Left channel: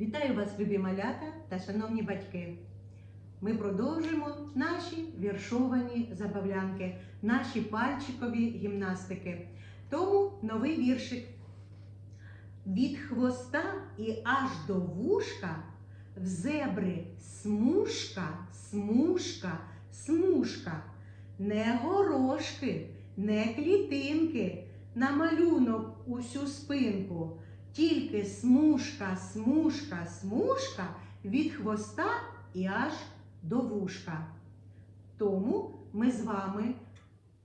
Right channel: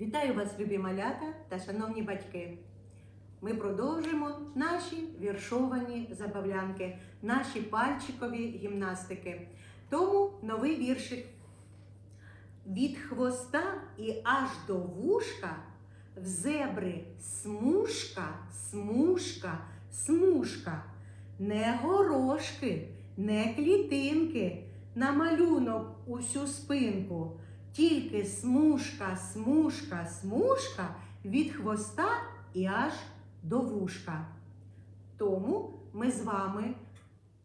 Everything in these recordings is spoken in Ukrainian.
Вітаю вас, любі малята та шановні батьки. Ми продовжуємо наші віршовані забавлянки, наші пальчикові гімнастики. Тому новий віршик. Від хвоста і аж до вушка в зебри смужка, смужка, смужка. Не горошки, не клітинки, на малюнок усю спинку. Тільки смужка, смужка, смужка від хвоста і аж до вушка. Тому ми з вами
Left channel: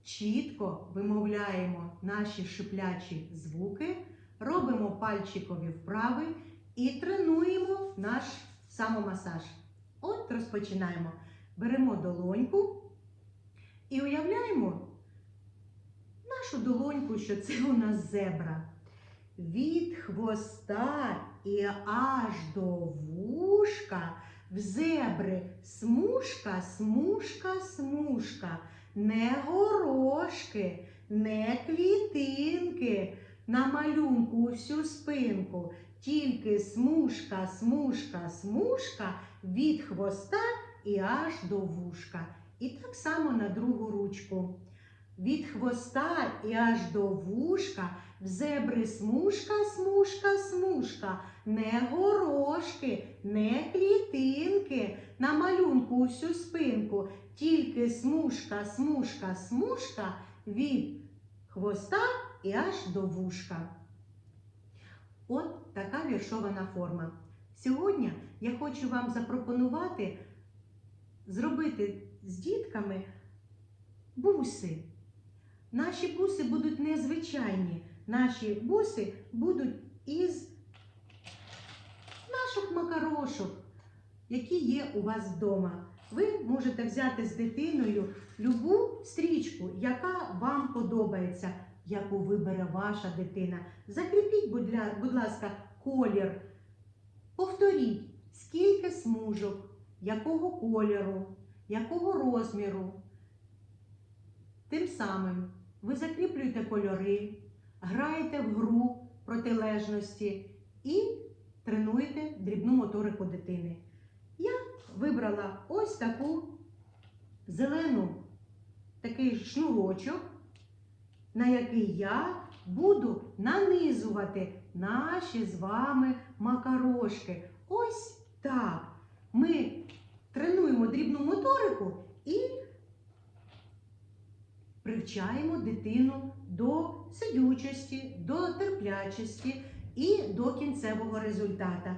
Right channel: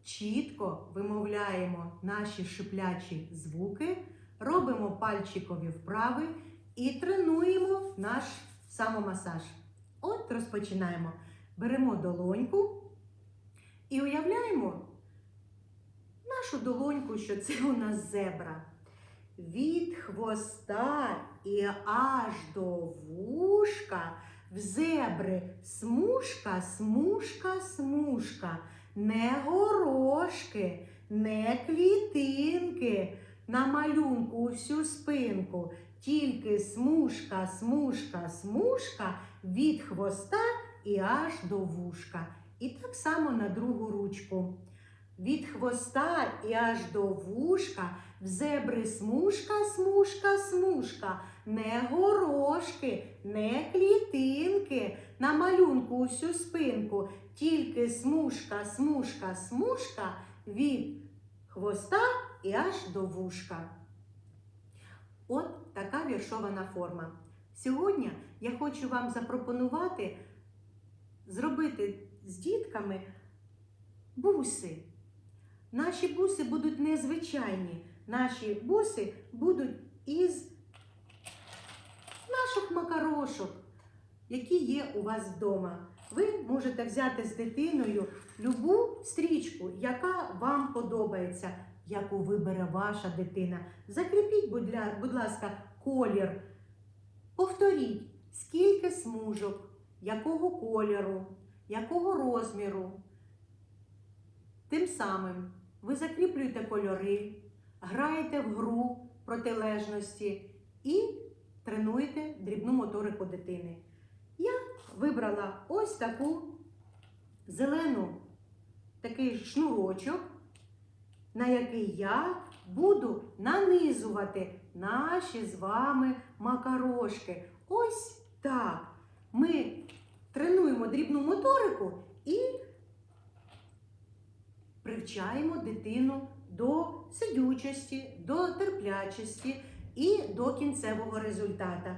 чітко вимовляємо наші шиплячі звуки, робимо пальчикові вправи і тренуємо наш самомасаж. От розпочинаємо. Беремо долоньку і уявляємо нашу долоньку, що це у нас зебра. Від хвоста і аж до вушка в зебри смужка, смужка, смужка, не горошки, не клітинки, на малюнку всю спинку, тільки смужка, смужка, смужка від хвоста і аж до вушка. І так само на другу ручку. Від хвоста і аж до вушка в зебри смужка, смужка, смужка, не горошки, не клітинки, на малюнку усю спинку, тільки смужка, смужка, смужка від хвоста і аж до вушка. От така віршована форма. Сьогодні я хочу вам запропонувати зробити з дітками буси. Наші буси будуть незвичайні. Наші буси будуть із наших макарошок, які є у вас вдома. Ви можете взяти з дитиною любу стрічку, яка вам подобається, яку вибере ваша дитина. Закріпіть, будь ласка, колір. Повторіть, скільки смужок, якого кольору, якого розміру. Тим самим ви закріплюєте кольори, граєте в гру протилежності і тренуєте дрібну моторику дитини. Я вибрала ось таку зелену такий шнурочок, на який я буду нанизувати наші з вами макарошки. Ось так. Ми тренуємо дрібну моторику привчаємо дитину до сидючості, до терплячості і до кінцевого результата.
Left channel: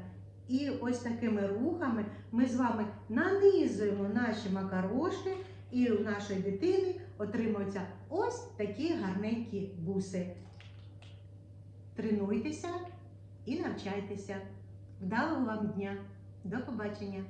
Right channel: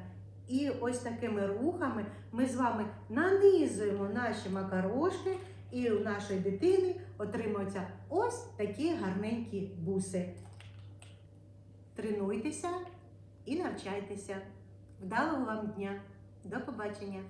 І ось такими рухами ми з вами нанизуємо наші макарошки, і у нашої дитини отримуються ось такі гарненькі буси. Тренуйтеся і навчайтеся. Вдалого вам дня! До побачення!